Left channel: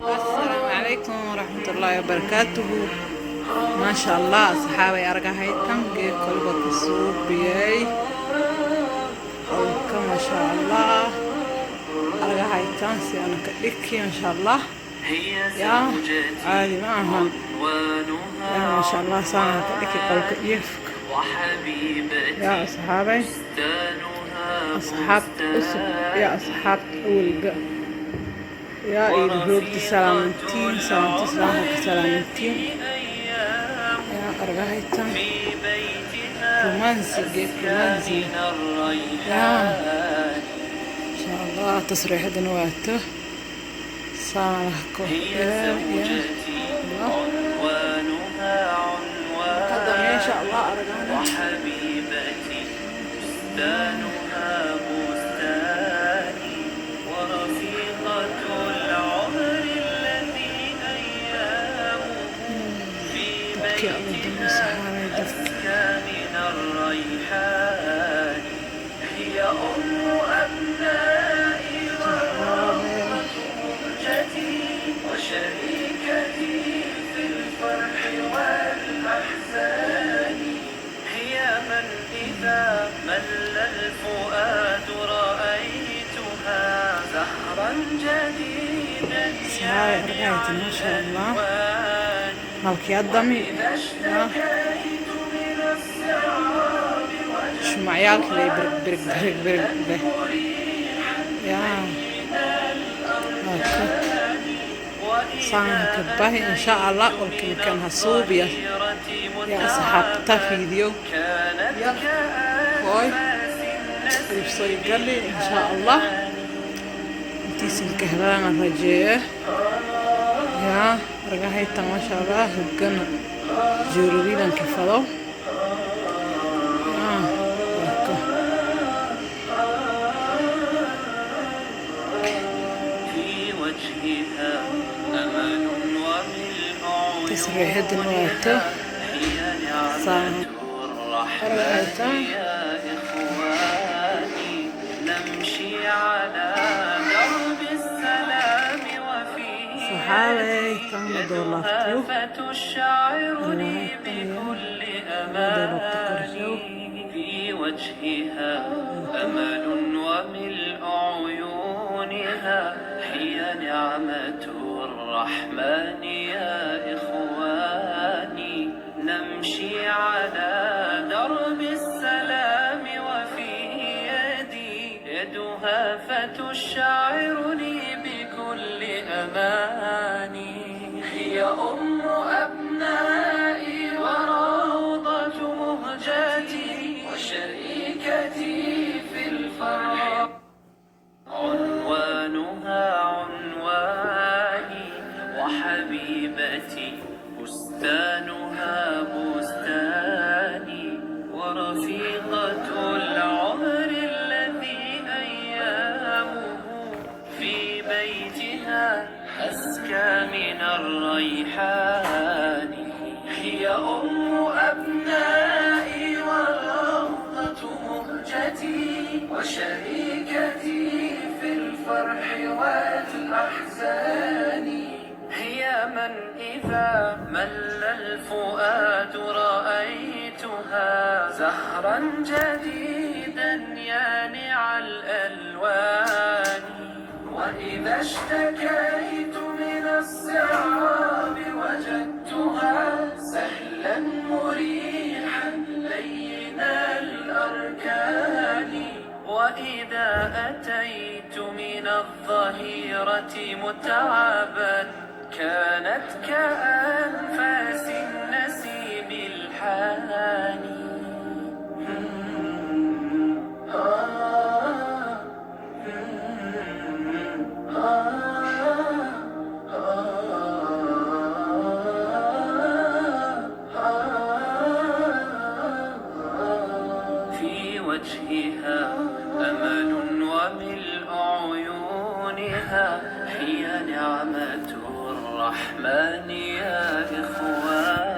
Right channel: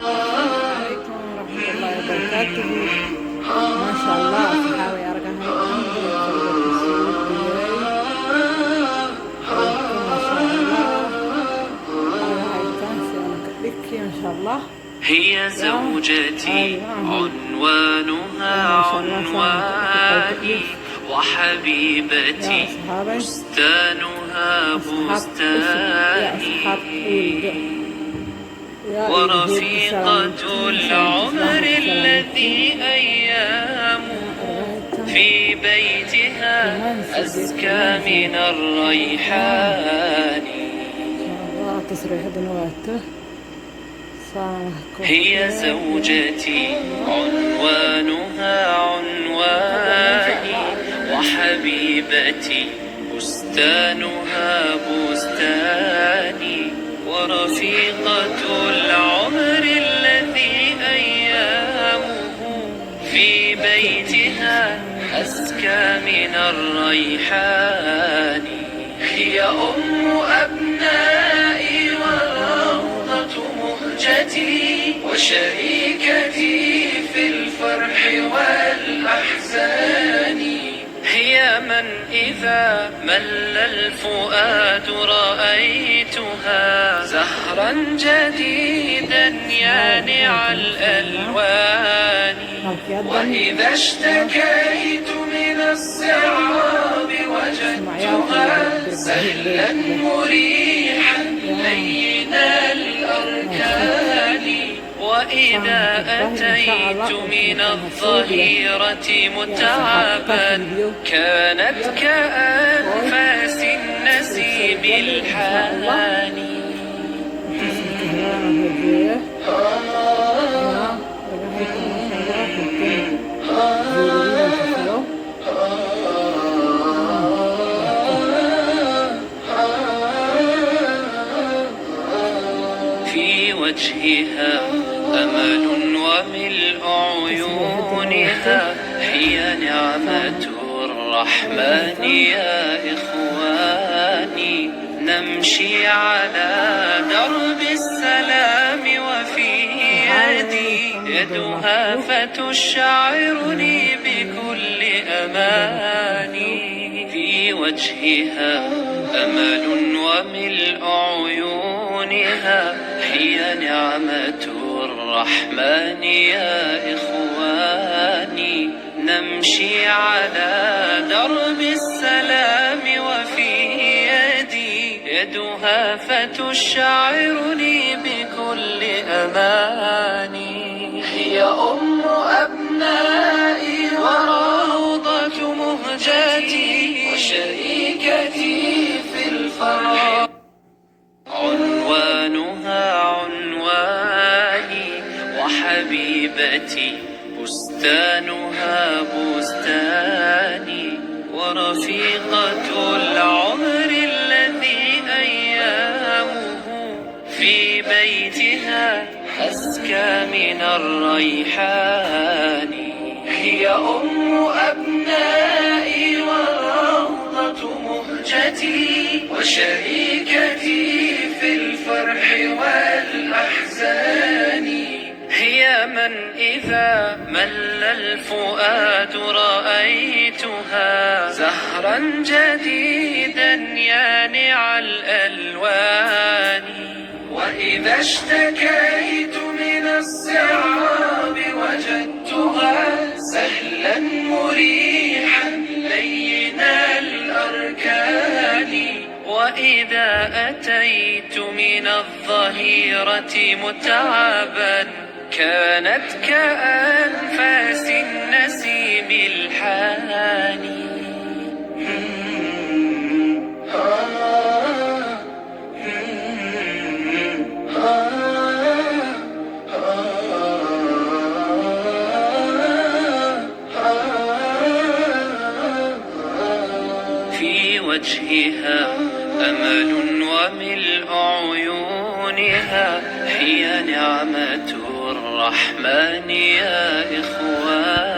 السلام عليكم ورحمة الله وبركاته. ما شاء الله أصحابي أرجع هاي تنقي قلبة السوق بياي أوكم ما شاء الله أرجع هاي تنسي أنا كديكي ما شاء الله هي زوجتي عنوانها يا ما شاء الله سامع كديكي قلبة يفك وحبيبتي يا أصحابي بستانها أصحاب بستاني يا أصحاب أولد يا إيدي سلامتين سلامتين يا أرغايتا في بيتها أزكى من إن الريحان شاء الله تصريح دنواته هي زوجتي عنوانها عنواني وحبيبتي بستانها بستاني ورفيقة العمر الذي أيامه في بيتها أزكى من الريحان هي أم أبنائي وروضة مهجتي وشريكتي في الفرح والأحزان هي من إذا مل الفؤاد رأيتها زهرا جديدا يانع الألوان وإذا اشتكيت من الصعاب وجدتها سهلا مريحا لين الأركان وإذا أتيت من الظهيرة متعبا كانت كأنفاس النسيم الحاني كهرانة فجيه يا رجعت ما شاء الله هكذا جوري كفلو في وجهها أمل وملء عيونها هي نعمة الرحمن يا إخواني نمشي على درب السلام وفي يدي يدها فتشعرني بكل أماني في وجهها أمل وملء عيونها هي نعمة الرحمن يا إخواني نمشي على درب السلام وفي يدي يدها فتشعرني بكل أماني هي أم أبنائي وروضة مهجتي وشريكتي في الفرح عنوانها عنواني وحبيبتي بستانها بستاني ورفيقة العمر الذي أيامه في بيتها أزكى من الريحان هي أم أبنائي وروضة مهجتي وشريكتي في الفرح والأحزان هي من إذا مل الفؤاد رأيتها زهرا جديدا يانع الألوان وإذا اشتكيت من الصعاب وجدتها سهلا مريحا لين الأركان وإذا أتيت من الظهيرة متعبا كانت كأنفاس النسيم الحاني في وجهها أمل وملء عيونها هي نعمة الرحمن يا إخوان